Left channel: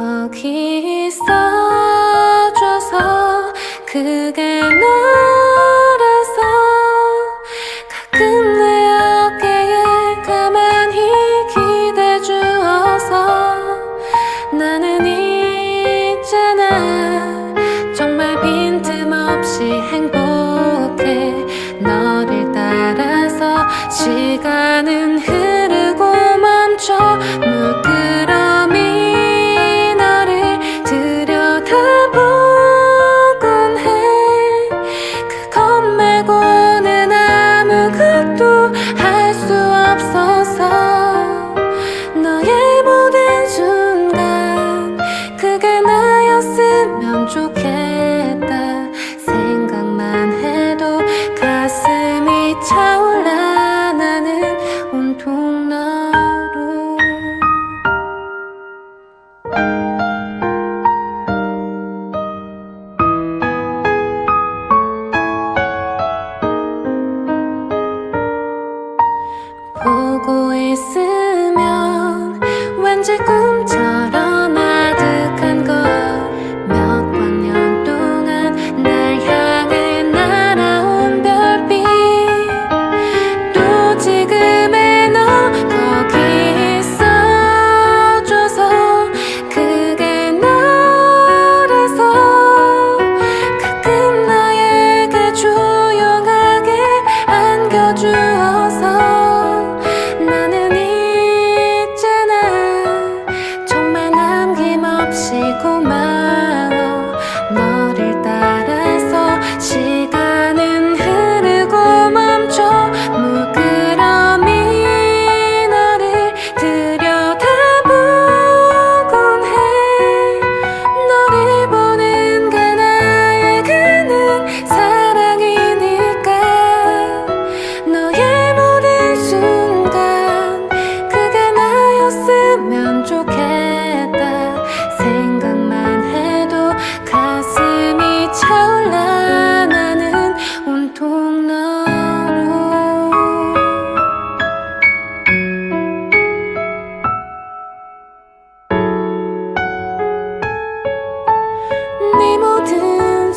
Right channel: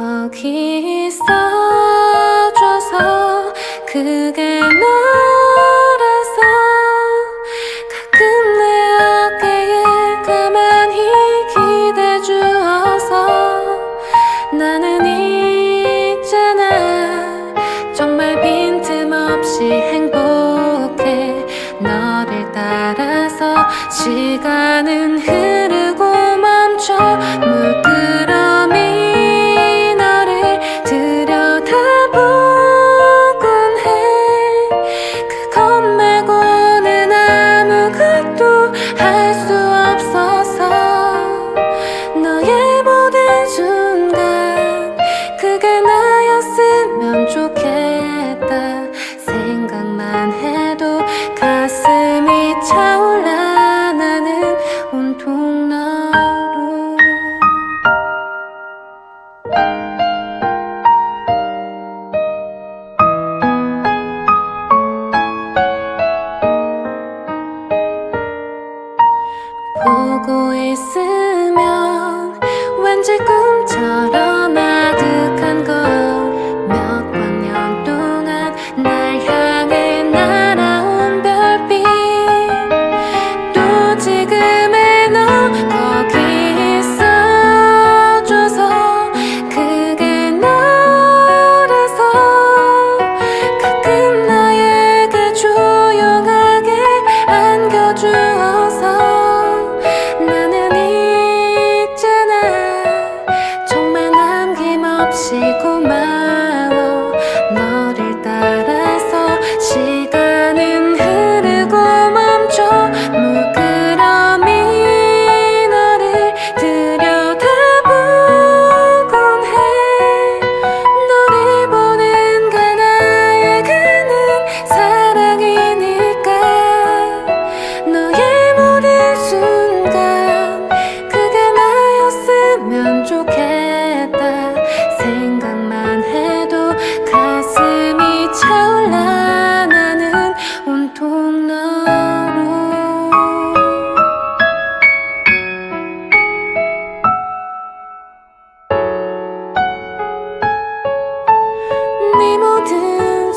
거기 있어줘서 그게 너라서 가끔 내 어깨에 가만히 기대 주어서 나는 있잖아. 정말 빈틈없이 행복해. 너를 따라서 시간은 흐르고 멈춰. 물끄러 보고 있으면 왠지 꿈처럼 아득한 것몇 광년 동안 날 향해 날아온 별빛. 또 지금의 너 거기 가슴이 차올라 나는 온통 너로. 네 모든